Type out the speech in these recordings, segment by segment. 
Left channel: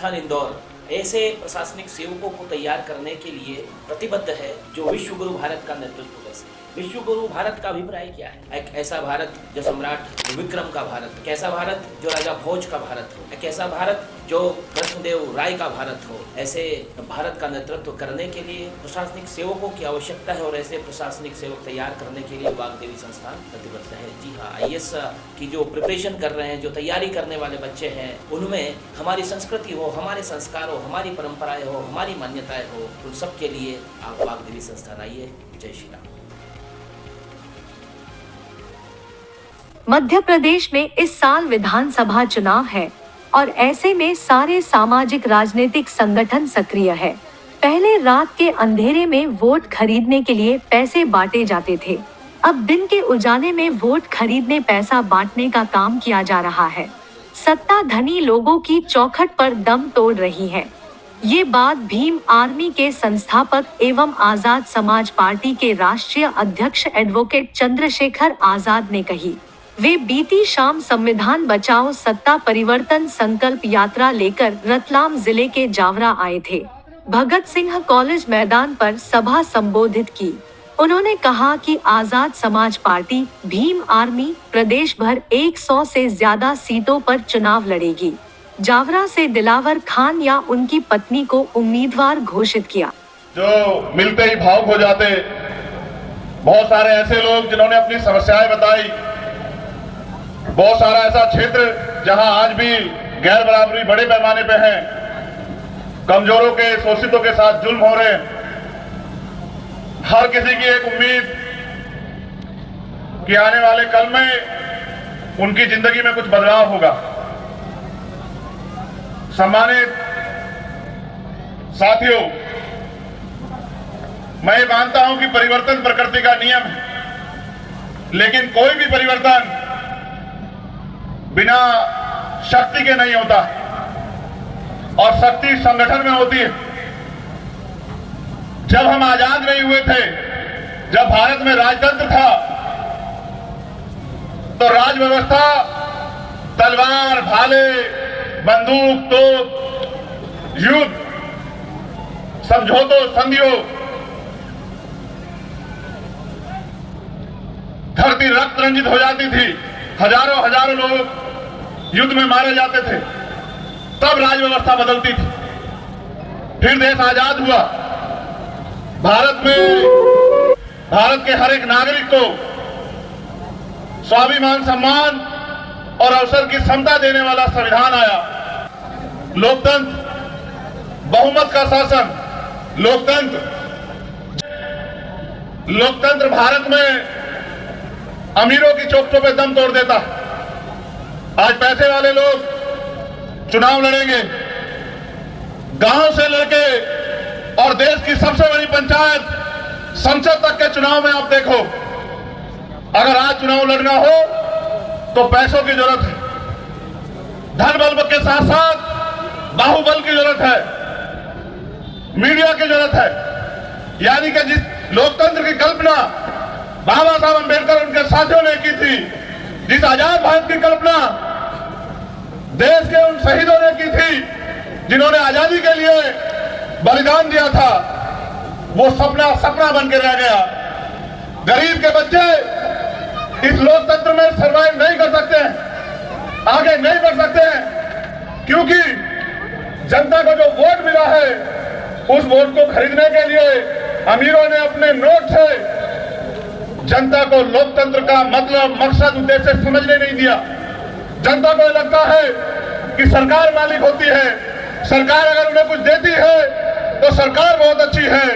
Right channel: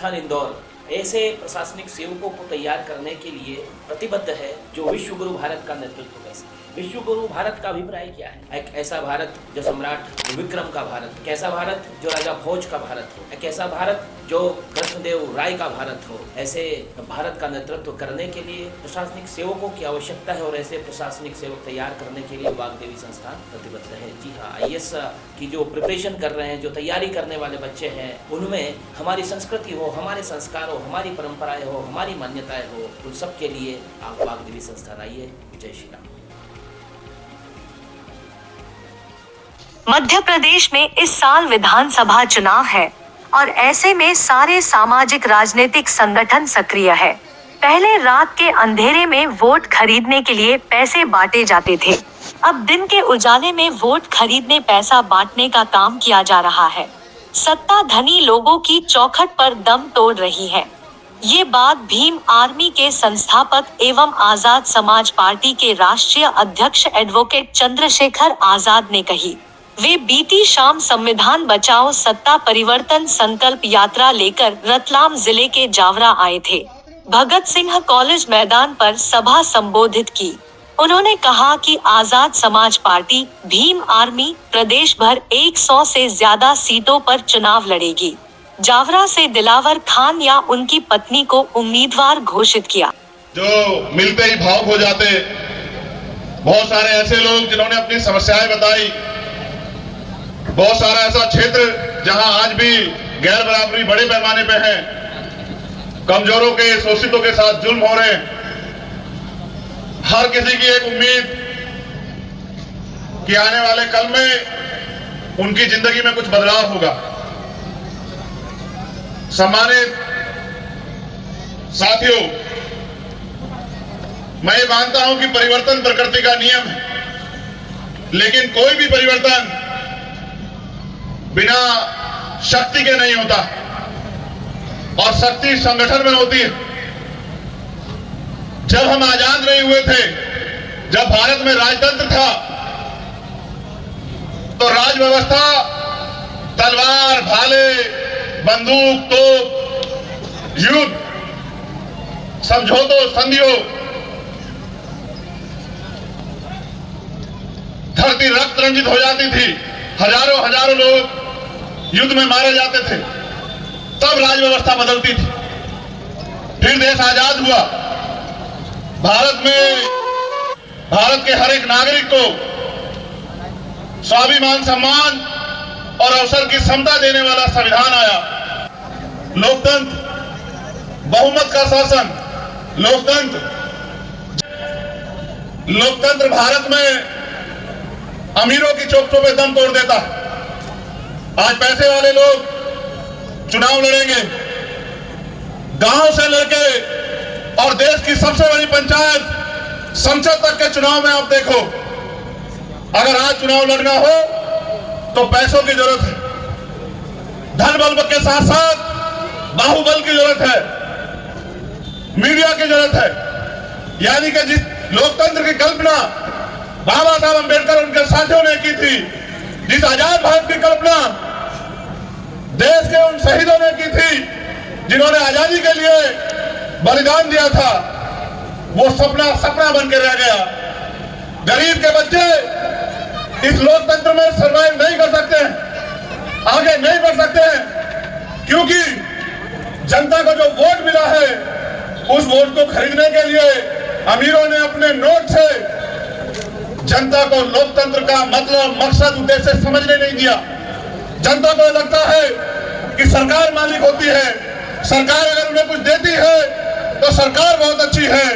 संस्थान इंदौर ऐसे प्रशासनिक सेवकों को तैयार करने के लिए प्रतिबद्ध है जो विश्व गुरु भारत का नेतृत्व कर सके। विश्व गुरु भारत का अभिप्राय क्या है? एक ऐसा भारत जो सम्राट विक्रम का भारत, एक ऐसा भारत जो राजा भोज का भारत हो, एक ऐसा भारत जो कृष्णदेव राय का भारत हो। ऐसे भारत का नेतृत्व करने के लिए प्रशासनिक सेवकों की आवश्यकता है और ऐसे प्रशासनिक सेवक तैयार करने के लिए वाग्देवी संस्थान प्रतिबद्ध है। जी हाँ, IAS की जो प्रिपरेशन कर रहे हैं, जो तैयारी करने वाले बच्चे हैं, उनमें हमारी संस्कृति हो, हमारे संस्कार हो, हमारी परंपराएं हो, हमारी मान्यताएं हो, उन सब के लिए आप वाग्देवी संस्थान आइए। जय श्री राम। मध्य प्रदेश में इस साल विधानसभा चुनाव है और ऐसे में सारे सामाजिक राजनीतिक संगठन सक्रिय है। पहले रात के अंधेरे में वोट खरीदने के लिए पैसे बांटे जाते थे। अब दिन के उजाले में वोट खरीदने पैसा बांटने का काम किया जा रहा है। सत्ता धनी लोगों की चौखट पर दम तोड़ रही है। ये बात भीम आर्मी के संस्थापक एवं आजाद समाज पार्टी के राष्ट्रीय अध्यक्ष एडवोकेट चंद्रशेखर आजाद ने कही। वे बीती शाम संविधान बचाओ सत्ता परिवर्तन संकल्प यात्रा लेकर रतलाम जिले के जावरा आए थे। भगत सिंह कॉलेज मैदान पर सभा संबोधित की। उन्होंने कहा कि आजाद समाज पार्टी भीम आर्मी प्रदेश भर 100 से ज्यादा सीटों पर चुनाव लड़ेगी। जावरा से दिलावर खान या उनकी पत्नी को उम्मीदवार घोषित किया। जो मिलते ही भावुक हो जाते, बहुत सारे ऐसे लोग जिन्होंने अपनी समस्याएं बताई, बहुत सारा ऐसा क्षेत्र जहां आज भी गैर बराबरी बड़े पैमाने पे है, कमजोरों के शोषितों के साथ जुल्म हो रहे हैं। हर किसी की एक उम्मीद कि आने वाले कल में उनकी जिंदगी में कुछ बदलाव होगा। सम्मानित साथियों, मैं ये मानता हूं कि परिवर्तन प्रकृति का नियम है, लेकिन कोई भी परिवर्तन बिना शक्ति के नहीं होता और शक्ति संगठन में होती है। जब हम आजाद नहीं हुए थे, जब भारत में राजतंत्र था, तो राज व्यवस्था तलवार, भाले, बंदूक, तोप, युद्ध, समझौतों, संधियों, धरती रक्त रंजित हो जाती थी, हजारों लोग युद्ध में मारे जाते थे, तब राज व्यवस्था बदलती थी। फिर देश आजाद हुआ। भारत में भारत के हर एक नागरिक को स्वाभिमान, सम्मान और अवसर की समता देने वाला संविधान आया। लोकतंत्र, बहुमत का शासन, लोकतंत्र भारत में अमीरों की चौखटों पे दम तोड़ देता है। आज पैसे वाले लोग चुनाव लड़ेंगे, गांव से लेके और देश की सबसे बड़ी पंचायत संसद तक के चुनाव में आप देखो, अगर आज चुनाव लड़ना हो तो पैसों की जरूरत है, धन बल के साथ साथ बाहुबल की जरूरत है, मीडिया की जरूरत है। यानी कि जिस लोकतंत्र की कल्पना बाबा साहब अम्बेडकर उनके साथियों ने की थी, जिस आजाद भारत की कल्पना देश के उन शहीदों ने की थी जिन्होंने आजादी के लिए बलिदान दिया था, वो सपना बन के रह गया। गरीब के बच्चे इस लोकतंत्र में सर्वाइव नहीं कर सकते हैं, आगे नहीं बढ़ सकते हैं, क्योंकि जनता को जो वोट मिला है उस वोट को खरीदने के लिए अमीरों ने अपने नोट से जनता को लोकतंत्र का मतलब, मकसद, उद्देश्य समझने नहीं दिया। जनता को लगता है कि सरकार मालिक होती है, सरकार अगर उन्हें कुछ देती है तो सरकार बहुत अच्छी है,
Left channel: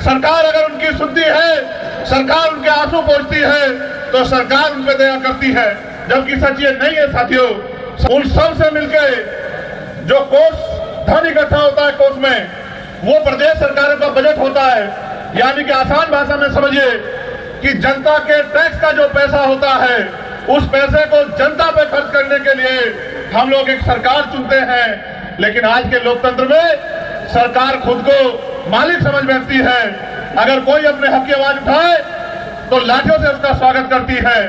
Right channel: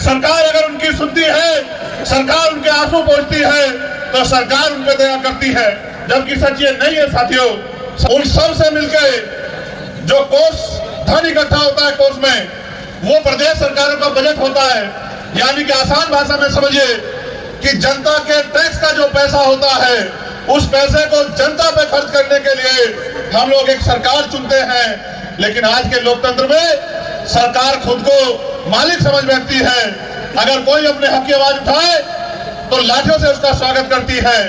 सरकार अगर उनकी सुनती है, सरकार उनके आंसू पोंछती है तो सरकार उन पर दया करती है। जबकि सच ये नहीं है साथियों। उन सब से मिलकर जो कोष धन इकट्ठा होता है, कोष में वो प्रदेश सरकारों का बजट होता है। यानी कि आसान भाषा में समझिए कि जनता के टैक्स का जो पैसा होता है, उस पैसे को जनता पे खर्च करने के लिए हम लोग एक सरकार चुनते हैं। लेकिन आज के लोकतंत्र में सरकार खुद को मालिक समझ बैठती है। अगर कोई अपने हक की आवाज उठाए तो लाठियों से उसका स्वागत करती है,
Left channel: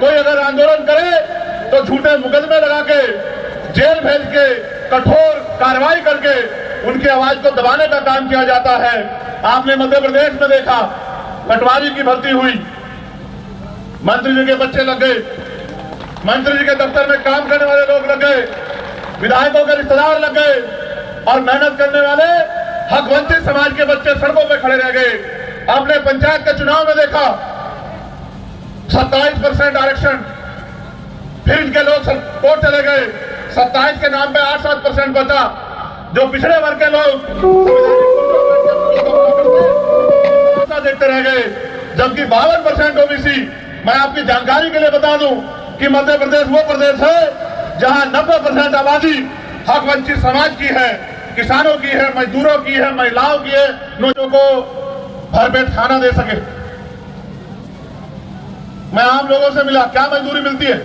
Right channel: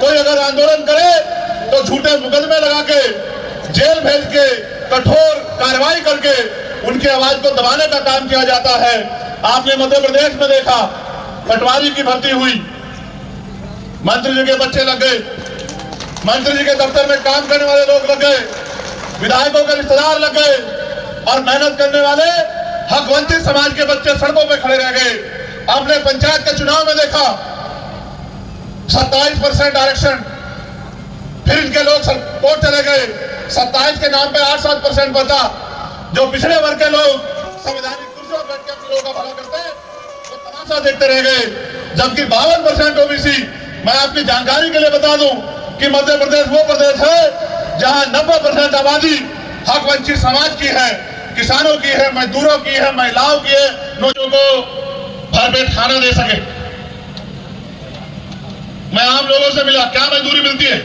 कोई अगर आंदोलन करे तो झूठे मुकदमे लगा के, जेल भेज के, कठोर कार्रवाई करके उनकी आवाज को दबाने का काम किया जाता है। आपने मध्य प्रदेश में देखा, पटवारी की भर्ती हुई, मंत्री जी के बच्चे लग गए, मंत्री जी के दफ्तर में काम करने वाले लोग लग गए, विधायकों के रिश्तेदार लग गए और मेहनत करने वाले हक वंचित समाज के बच्चे सड़कों पे खड़े रह गए। आपने पंचायत के चुनाव में देखा 27% आरक्षण, फिर इनके लोग कोर्ट चले गए, 27 के नाम पे 8-7% बचा। जो पिछड़े वर्ग के लोग देखते रह गए, जबकि 52% ओबीसी। मैं आपकी जानकारी के लिए बता दूं कि मध्य प्रदेश वो प्रदेश है जहां 90% आबादी हक वंचित समाज की है, किसानों की है, मजदूरों की है, महिलाओं की है, लोगों को भरपेट खाना दे सके। मैं आम लोगों से मिला, क्या मजदूरी मिलती है?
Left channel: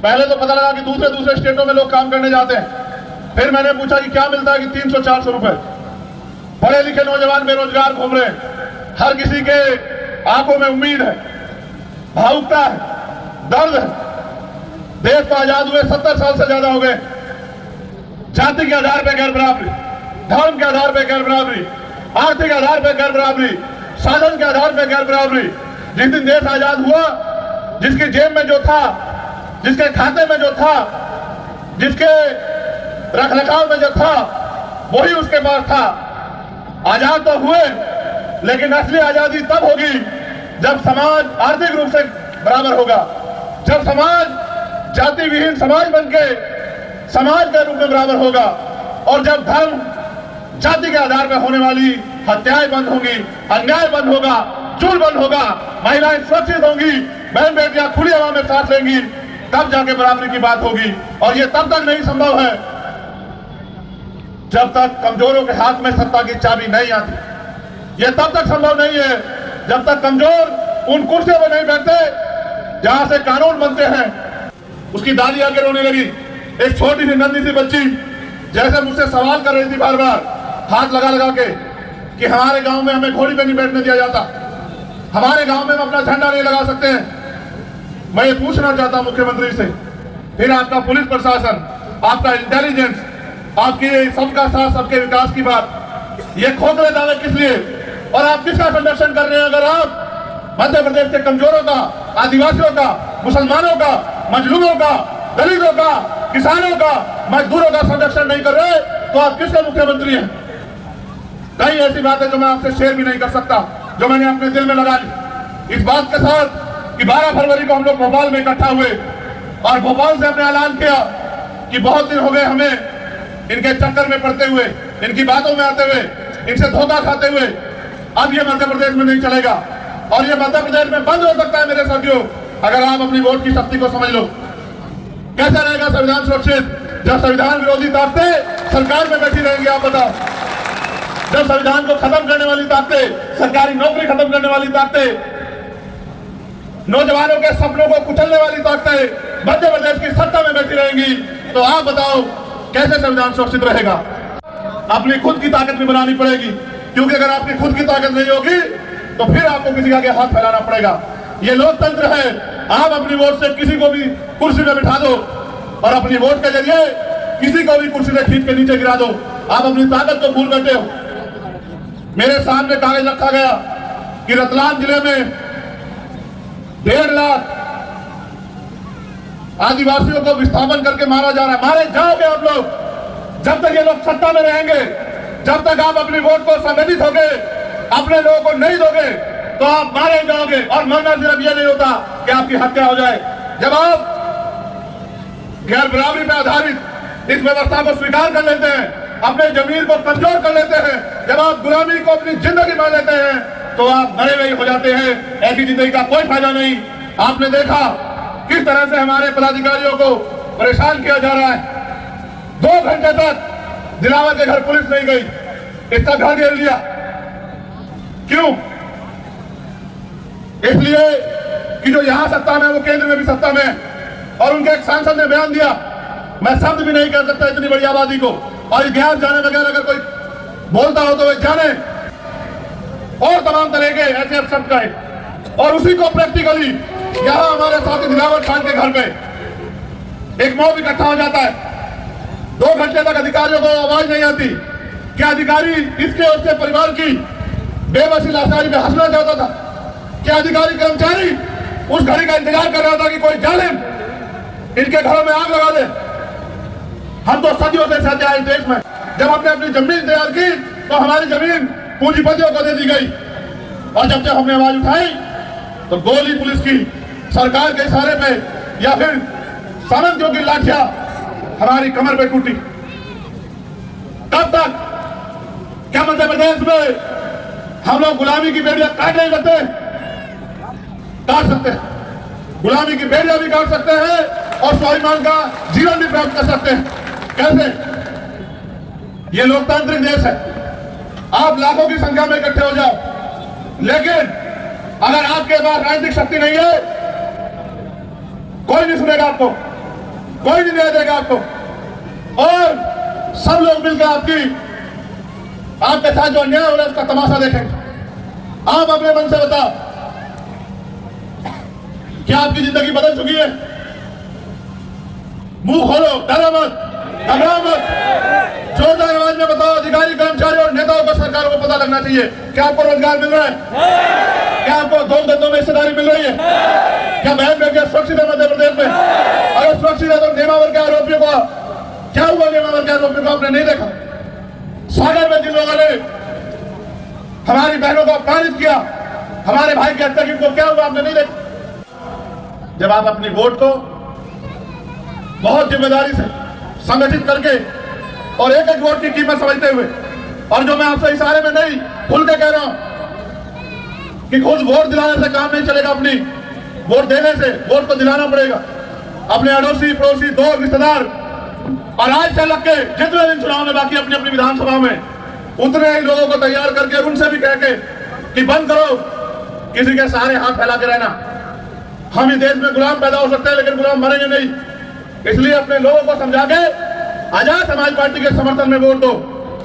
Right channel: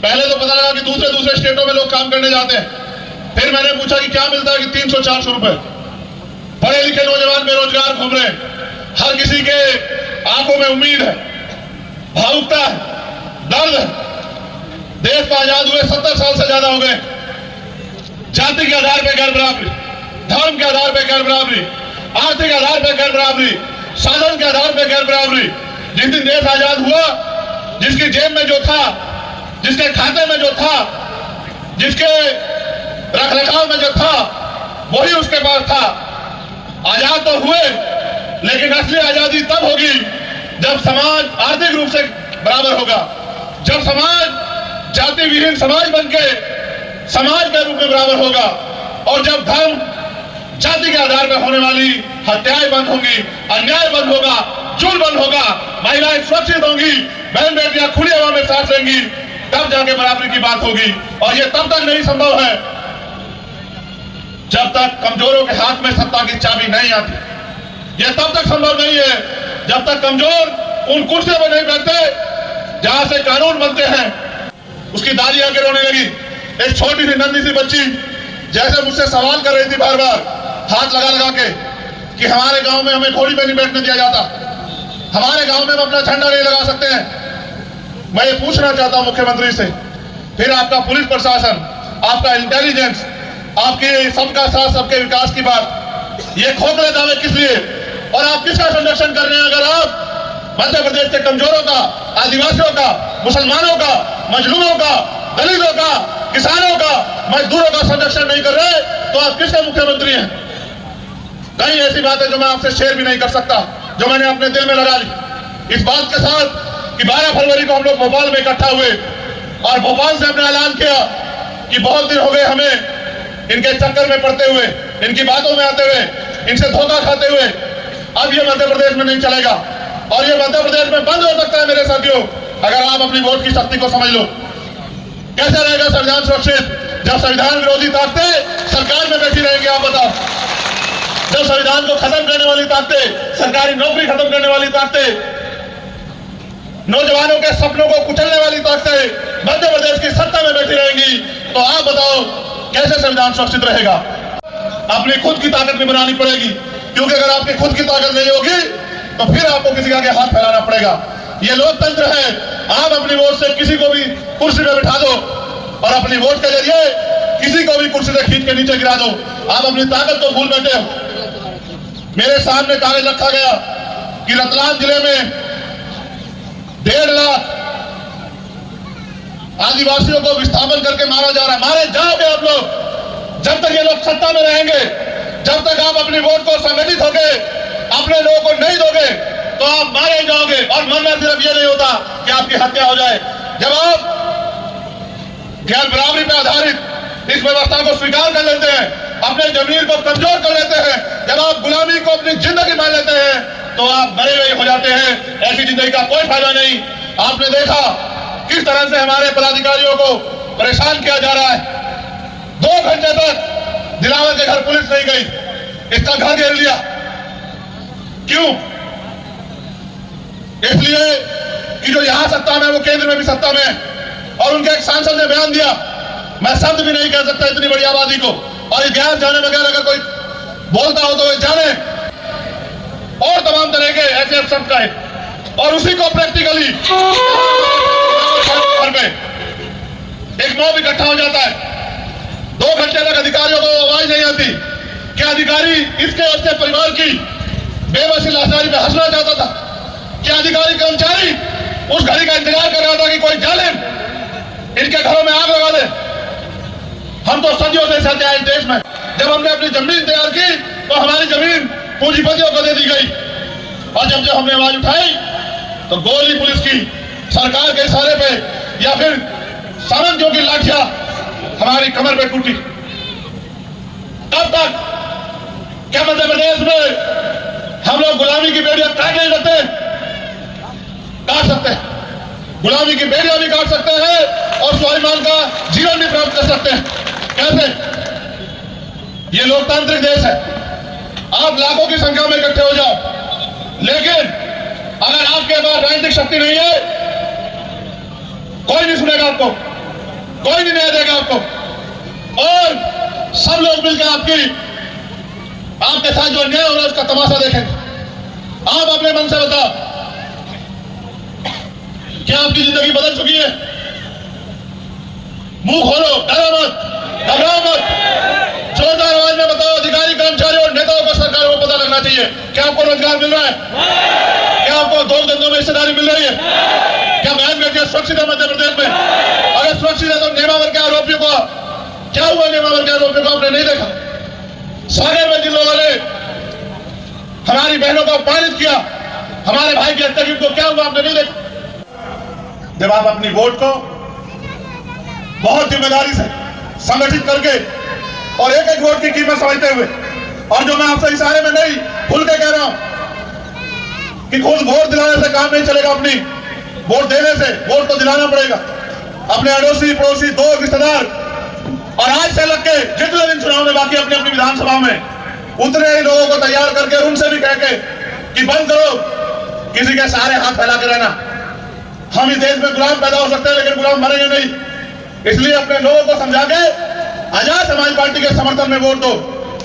पहले तो पता लगा कि दूसरे स्टेटों में लोग काम करने जाते हैं। फिर मैंने पूछा कि क्या मिलता है, कि 300-400 रुपए। पढ़े लिखे नौजवान बेरोजगार घूम रहे हैं। हर किसी के आंखों में उम्मीद है, भावुकता है, दर्द है। देश को आजाद हुए 70 साल से ज्यादा हो गए। जाति के आधार पर गैर बराबरी, धर्म के आधार पर गैर बराबरी, आर्थिक आधार पर गैर बराबरी, साधन के आधार पर गैर बराबरी। जिस दिन देश आजाद हुआ, जिसकी जेब में जो था, जिसके खाते में जो था, जिसके रखरखाव में जो था, वही उसके पास था। आजाद तो हुए, लेकिन असली आजादी तब होगी जब समाज आर्थिक रूप से बराबर होगा, जब समाज जाति विहीन समाज बनके समाज के रूप में बराबर होगा, और जब धर्म जाति के आधार पर होने वाली हत्याएं बंद होंगी, अन्याय बंद होगा, जुल्म बंद होगा, महिलाएं सुरक्षित होंगी, बहन बेटियां खुली हवा में सांस लेंगी, तब जाके बराबरी की बात होगी। और ये तब तक नहीं संभव है जब तक कमजोरों के हाथ में सत्ता की चाबी नहीं आती। ये तब तक संभव नहीं है जब तक कमजोर उन कुर्सियों पर नहीं बैठते जहां से कानून बनते हैं। उसकी दादी आके रोने लगी। एक छोटी सी नन्ही सी बच्ची जैसे मुझसे सवाल कर रही थी बार बार हाथ लगा लगा के कि हमारे गांव में हमें घोड़ी पे नहीं बैठने दिया जाता, हमारे गांव में हम अपना झंडा नहीं लगा सकते हैं। मैं ये पूछना चाहता हूं मुख्यमंत्री से, फिर आपका पुलिस प्रशासन, आपका इंटेलिजेंस, आपकी सबका साथ सबके विकास की बात, ये खोखले दावे किस लिए? और आप किसका संरक्षण कर रहे हैं? अगर आप मध्य प्रदेश के कमजोरों का, आदिवासियों का, मुसलमानों का, मजलूमों का, दलितों का, किसानों का, मजदूरों का संरक्षण नहीं कर रहे, तो आप किसके मुख्यमंत्री हैं? कई ऐसी बातें जो मैं आपसे शेयर भी नहीं कर सकता, जो मैंने अपने दिल में लगा ली, इस बात के साथ कि 12 फरवरी को हम लोग भोपाल में इकट्ठा हुए और भोपाल से हमने ऐलान किया कि बहुत दिन हो गए हमें इनके चक्कर में पड़ते हुए, इनकी बातों में आते हुए, इनसे धोखा खाते हुए। अब ये मध्य प्रदेश में नहीं चलेगा, और ये मध्य प्रदेश में बंद हो सकता है मेरे साथियों, अगर आप अपनी वोट की शक्ति को समझ लो। कैसे रहेगा संविधान सुरक्षित जब संविधान विरोधी ताकतें सरकार में बैठी रहेंगी? आप बताओ। जब संविधान को खत्म करने वाली ताकतें, सरकारी नौकरी खत्म करने वाली ताकतें, नौजवानों के सपनों को कुचलने वाली ताकतें मध्य प्रदेश की सत्ता में बैठी रहेंगी, तो आप बताओ कैसे संविधान सुरक्षित रहेगा? अपनी खुद की ताकत भी बनानी पड़ेगी, क्योंकि अगर आपकी खुद की ताकत नहीं होगी तो फिर आपको किसी के आगे हाथ फैलाना पड़ेगा। ये लोकतंत्र है, आप अपनी वोट से किसी को भी कुर्सी पर बिठा दो और अपनी वोट के जरिए किसी को भी कुर्सी से खींच के नीचे गिरा दो। आप अपनी ताकत को भूल बैठे हो। मेरे सामने कागज रखा गया कि रतलाम जिले में 1.5 लाख आदिवासियों को विस्थापन करके मारा जा रहा है। मारे जाओगे आप लोग, जब तक ये लोग सत्ता में रहेंगे, जब तक आप अपनी वोट को संगठित होगे, अपने लोगों को नहीं दोगे, तो आप मारे जाओगे। और मरना सिर्फ ये नहीं होता कि आपकी हत्या हो जाए। जब आप गैर बराबरी पर आधारित इस व्यवस्था को स्वीकार कर लेते हैं, अपने जमीर को कमजोर कर लेते हैं, जब आप गुलामी को अपनी जिंदगी मान लेते हैं, तो आप मरे हुए हो जाते हैं। ऐसी जिंदगी का कोई फायदा नहीं। आपने देखा किस तरह से हमारे पदाधिकारियों को परेशान किया जा रहा है। 2 घंटे तक दिलावर के घर पुलिस नहीं गई, इसका घर घेर लिया। क्यों? इसलिए कि जो यहां सत्ता में वो केंद्र में भी सत्ता में। और उनके एक सांसद ने बयान दिया, मैं शब्द भी नहीं कह सकता इतनी बड़ी आबादी को, और इतिहास जाने बगैर अगर कोई बोलता हो तो वे जाने, और तमाम तरह के ऐसे शब्द कहे। और उसी को प्रैक्टिकली यहां हमारे साथी दिलावर साहब के घर पे एक मॉब इकट्ठा हो जाता है। 2 घंटे तक अधिकारियों को आवाज नहीं आती। क्या अधिकारी इसके और उसके परिवार की बेबसी लाचारी पे हंसना चाहता था? क्या अधिकारी कर्मचारी उस घड़ी का इंतजार कर रहा था कि कोई जालिम इनके घरों में आग लगा दे? हम तो सदियों से सहते आए इस देश में। जब हमने अपनी जमीन तैयार की तो हमारी जमीन पूंजीपतियों को दे दी गई, और जब हमने आवाज उठाई तो गोली पुलिस की, सरकार के इशारे पे या फिर सामंतियों की लाठियां हमारी कमर पे टूटी। तब तक क्या मध्य प्रदेश में हम लोग गुलामी की बेड़ियां काट नहीं सकते? काट सकते हैं। गुलामी की बेड़ियां भी काट सकते हैं और स्वाभिमान का जीवन भी प्राप्त कर सकते हैं। कैसे? ये लोकतांत्रिक देश है। आप लाखों की संख्या में इकट्ठे हो जाओ, लेकिन अगर आपके पास राजनीतिक शक्ति नहीं है, कोई नहीं सुनेगा आपको, कोई नहीं न्याय देगा आपको। और सब लोग मिलकर आपके साथ जो अन्याय हो रहा है उसका तमाशा देखेंगे। आप अपने मन से बताओ, क्या आपकी जिंदगी बदल चुकी है? मुंह खोलो, डरो मत, घबराओ मत, जोरदार आवाज में बताओ। अधिकारी, कर्मचारी और नेताओं को, सरकार को पता लगना चाहिए क्या आपको रोजगार मिल रहा है? क्या आपको 2 धंधों में हिस्सेदारी मिल रही है? क्या बहन बेटियां सुरक्षित है मध्य प्रदेश में? अगर सुरक्षित है तो नेमावर के आरोपियों को क्या हुआ? नेमावर के आरोपियों को आपने नहीं देखा? सागर में जिन लोगों ने हमारी बहनों को अपमानित किया, हमारे भाई की हत्या की, उनको क्या हुआ? आपने नहीं देखा? जब आप अपनी वोट को बहुत जिम्मेदारी से संगठित करके और एक एक वोट की कीमत समझते हुए, और जो मैं आपसे इशारे में नहीं, खुल के कह रहा हूं कि खुद वोट दिलाने से काम नहीं चलेगा। अपनी वोट देने से वोट तो दिलाना पड़ेगा। अपने अड़ोसी पड़ोसी, दोस्त, रिश्तेदार, और आज से लग के जितने दिन चुनाव में बाकी अपनी अपनी विधानसभा में उतने ही लोगों को तैयार करके उनसे भी कह के कि बंद करो किसी के सहारे हाथ फैला के रहना। हम इस देश में गुलाम पैदा हो सकते हैं, लेकिन गुलाम मरेंगे नहीं। इसलिए अपने लोगों को समझा के आजाद समाज पार्टी के समर्थन में वोट दो,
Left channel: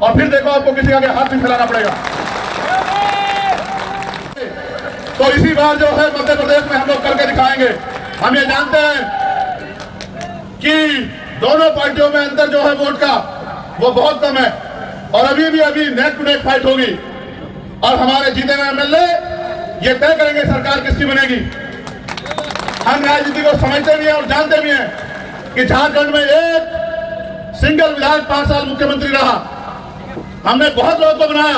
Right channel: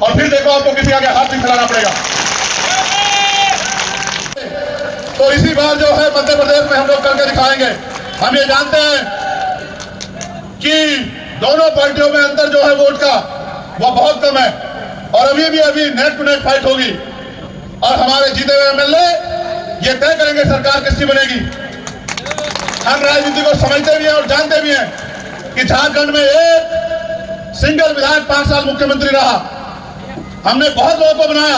और फिर देखो आपको किसी आगे हाथ नहीं फैलाना पड़ेगा। तो इसी बार जो है मध्य प्रदेश में हम लोग करके दिखाएंगे। हम ये जानते हैं कि दोनों पार्टियों में अंतर जो है वोट का वो बहुत कम है, और अभी नेक टू नेक फाइट होगी। और हमारे जीते हुए एमएलए ये तय करेंगे सरकार किसकी बनेगी। हम राजनीति को समझते भी हैं और जानते भी हैं कि झारखंड में एक सिंगल विधायक 5 साल मुख्यमंत्री रहा। हमने बहुत लोगों को बनाया।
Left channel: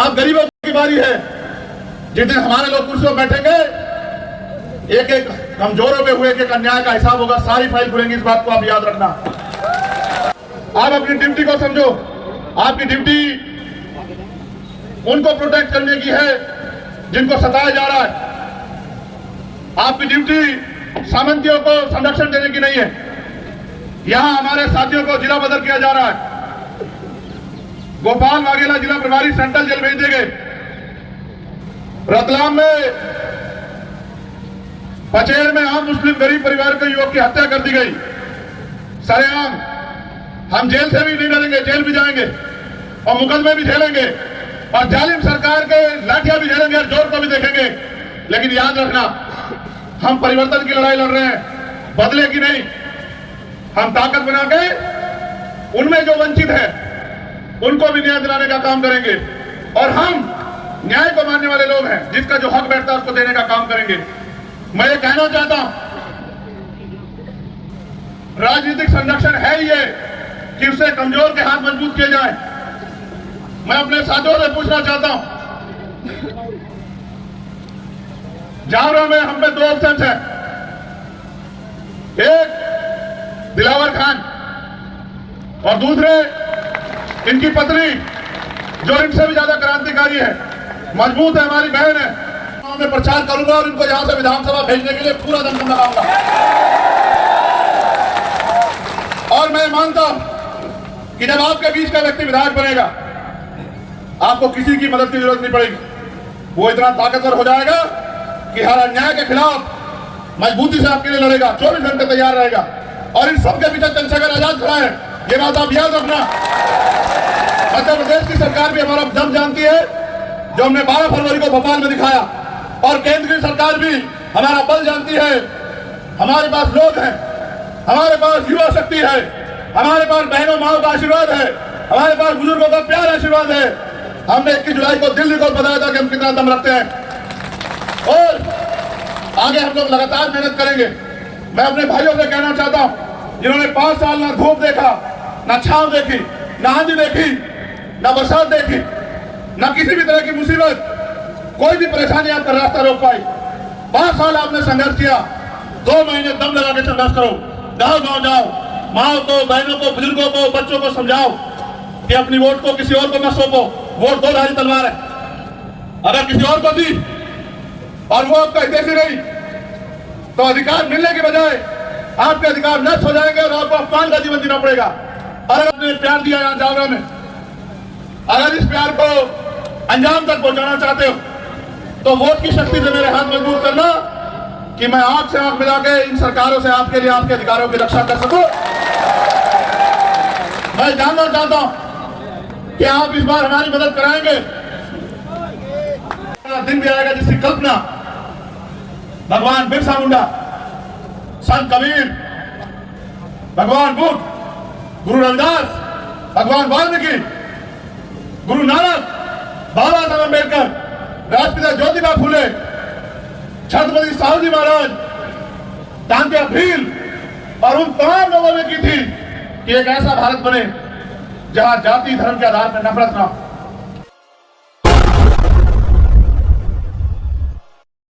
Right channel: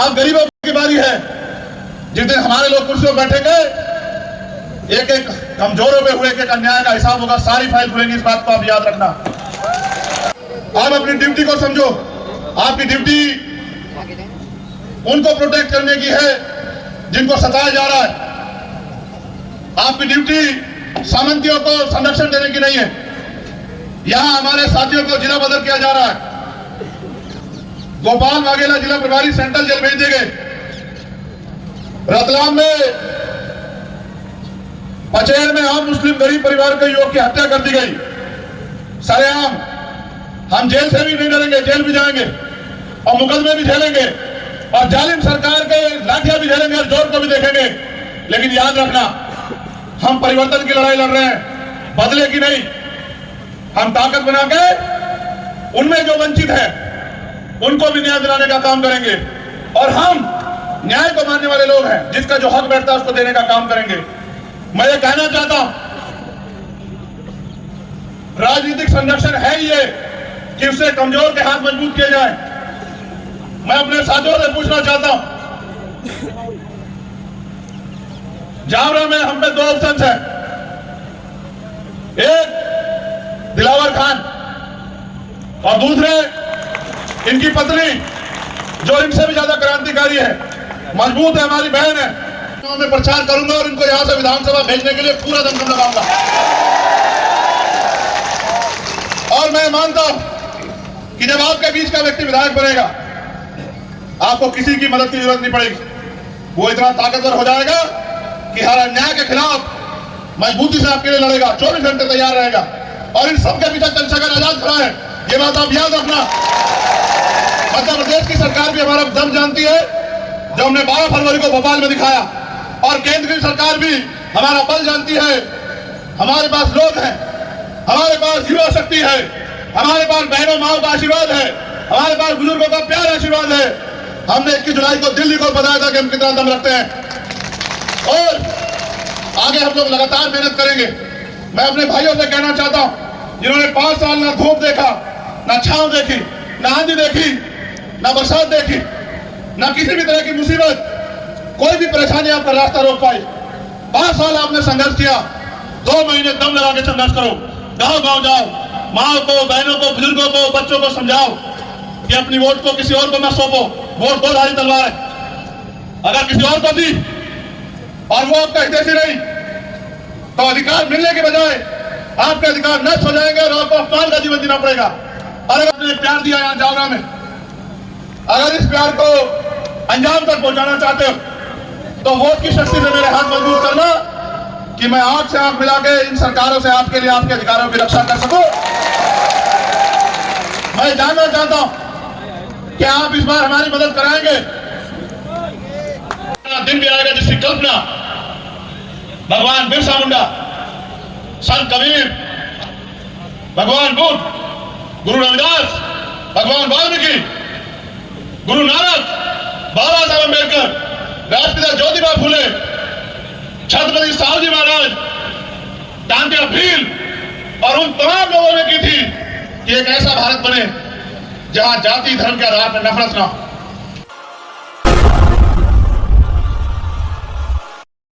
अब गरीबों की बारी है। जिस दिन हमारे लोग कुर्सियों पर बैठेंगे, एक एक कमजोरों पे हुए एक अन्याय का हिसाब होगा। सारी फाइल खुलेंगी, इस बात को आप याद रखना। आप अपनी ड्यूटी को समझो। आपकी ड्यूटी उनको प्रोटेक्ट करने की है जिनको सताया जा रहा है। आपकी ड्यूटी सामंतियों को संरक्षण देने की नहीं है। यहां हमारे साथियों को जिला बदल किया जा रहा है। गोपाल वाघेला जिला प्रभारी सेंट्रल जेल भेज दिए गए। रतलाम में, पचेल में आम मुस्लिम गरीब परिवार के युवक की हत्या कर दी गई सरेआम। हम जेल से भी नहीं डरेंगे, जेल भी जाएंगे और मुकदमे भी झेलेंगे और जालिम सरकार के लाठियां भी झेलेंगे और जोर को भी देखेंगे। लेकिन याद रखना, हम परिवर्तन की लड़ाई लड़ रहे हैं, बदले की नहीं। हम ताकत बना के उनमें जो वंचित है उनको भी न्याय दिलाने का काम करेंगे। और हम न्याय को मानने वाले लोग हैं, जिसका जो हक बैठता है उसको देने का काम करेंगे। मैं ये कहना चाहता हूं, राजनीतिक संरक्षण है ये कि उससे कमजोर के हाथ मजबूत किए जाए। मैं अपने साथियों से पूछना चाहता हूं, जावरा में हम पे 2 ऑप्शन है। एक दिलावर खान और दूसरे इनकी पत्नी, जो इनसे भी ज्यादा क्रांतिकारी है, मजबूत है, हमारी बहन है। मैं प्रचार करूंगा और इनको यहां से विधानसभा भेजने के लिए पूरा दमखम लगाऊंगा। और मैं मानता हूं कि जब आपके बीच का व्यक्ति विधायक बनेगा, आपको किसी की मदद की जरूरत नहीं पड़ेगी। वो इतना ताकतवर हो जाएगा कि हर अन्याय के खिलाफ मजबूती से आपके लिए लड़ेगा, 24 घंटे तैयार रहेगा। और इन सबके पीछे चंद्रशेखर आजाद खड़ा है, ये बात आप याद रखना। मध्य प्रदेश की सरकार भी हमारा दम जानती है, जो हमने 12 फरवरी को भोपाल में दिखाया। और केंद्र की सरकार भी हमारा बल जानती है। हमारे पास लोग हैं, हमारे पास युवा शक्ति है, हमारे पास बहनों माओ का आशीर्वाद है, हमारे पास बुजुर्गों का प्यार आशीर्वाद है। हमने 21 जुलाई को दिल्ली को बताया था कि हम कितना दम रखते हैं और आगे हम लोग लगातार मेहनत करेंगे। मैं अपने भाइयों से कहना चाहता हूं जिन्होंने 5 साल ना धूप देखा, ना छांव देखी, ना आंधी देखी, ना बरसात देखी, ना किसी भी तरह की मुसीबत, कोई भी परेशानी आपका रास्ता रोक पाई। 5 साल आपने संघर्ष किया, 2 महीने दम लगा के संघर्ष करो, गांव गांव जाओ, माओ को, बहनों को, बुजुर्गों को, बच्चों को समझाओ कि अपनी वोट को किसी और को न सौंपो। वोट 2 धारी तलवार है, अगर किसी और को दी और वो आपका हितैषी नहीं तो अधिकार मिलने के बजाय आपके अधिकार नष्ट हो जाएंगे और आपको अपमान का जीवन जीना पड़ेगा। और अगर आपने प्यार दिया यहाँ जावरा में, अगर इस प्यार को अंजाम तक पहुंचाना चाहते हो तो वोट की शक्ति से मेरे हाथ मजबूत करना कि मैं आंख से आंख मिला के इन सरकारों से आपके लिए आपके अधिकारों की रक्षा कर सकूं। मैं जानना चाहता हूं कि आप इस बार हमारी मदद कराएंगे। दिन भी आएगा जिसकी कल्पना भगवान बिरसा मुंडा, संत कबीर, भगवान बुद्ध, गुरु रविदास, भगवान वाल्मीकि, गुरु नानक, बाबा साहब अम्बेडकर, राष्ट्रपिता ज्योतिबा फुले, छत्रपति साहूजी महाराज, तांत्या भील और उन तमाम लोगों ने की थी कि एक ऐसा भारत बने जहां जाति धर्म के आधार पर नफरत न हो।